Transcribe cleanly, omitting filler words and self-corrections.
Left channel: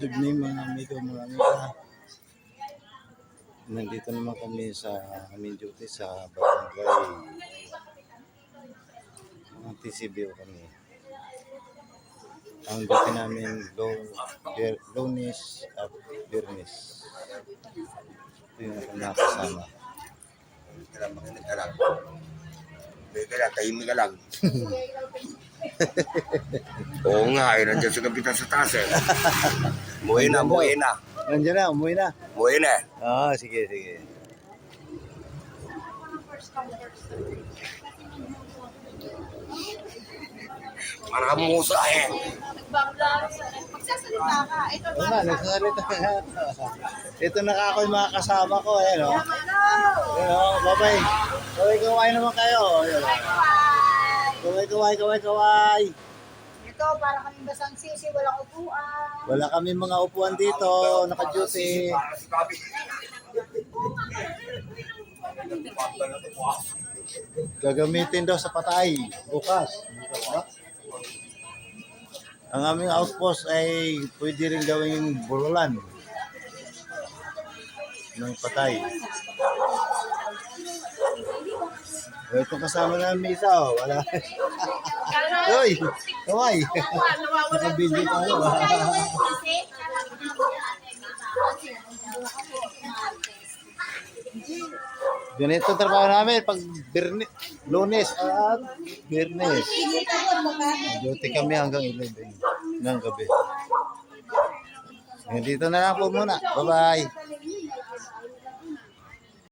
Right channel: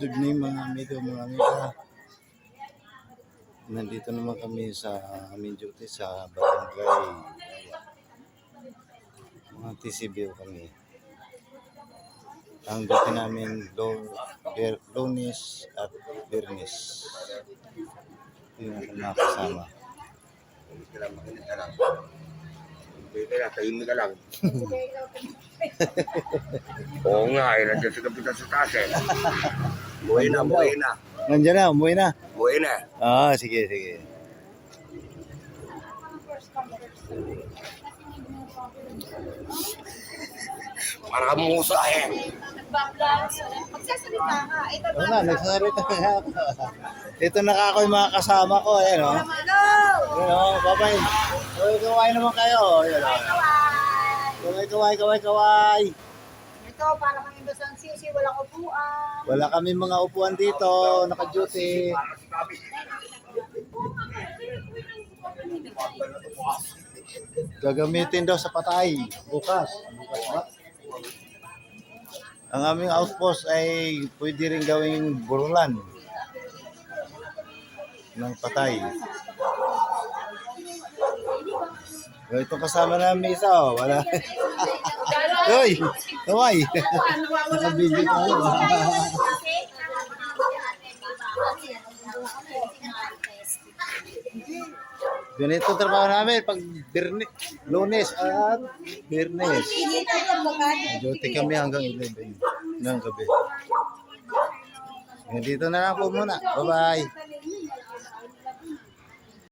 Good evening mga amigo, mga amiga. Nandito naman kami sa aming duty sa barangay. Mga TCBO kami. Ang duty namin Lunes at Biyernes. Ito yung aking mga kasama. Tahimik ka lang. Oo nga, eh, nandiyan sa kapitan sa taas eh. Buhay na, buhay na. Nandiyan na, umuwi na. Buhay na. Ah, sige, sige. Para musa eh. Magsasalita ka. Ito Oo nga, nagsarita nga. Ito nakaka yung mga kasama ko. Ayan o. Ayan o, bye-bye. Kaway-kaway naman kayo. Ayan o. Kaway-kaway. Ito, para kaming basang sisi, walang upuan. Wala kami mga upuan dito, naka-duty. Para si Gabi. Gagamitin daw sa patay. Bukas. Bukas ba? Ang aming outpost ay pwede rin gawing burulan ng patay. Itong kasama namin isa, oh. Wala. Uy! Kaway! Nakabidyo tayo. Ganito trabaho namin pag Lunes at Biyernes. Duty kami hanggang 11 ng gabi. Dito na lang po muna. Bye-bye.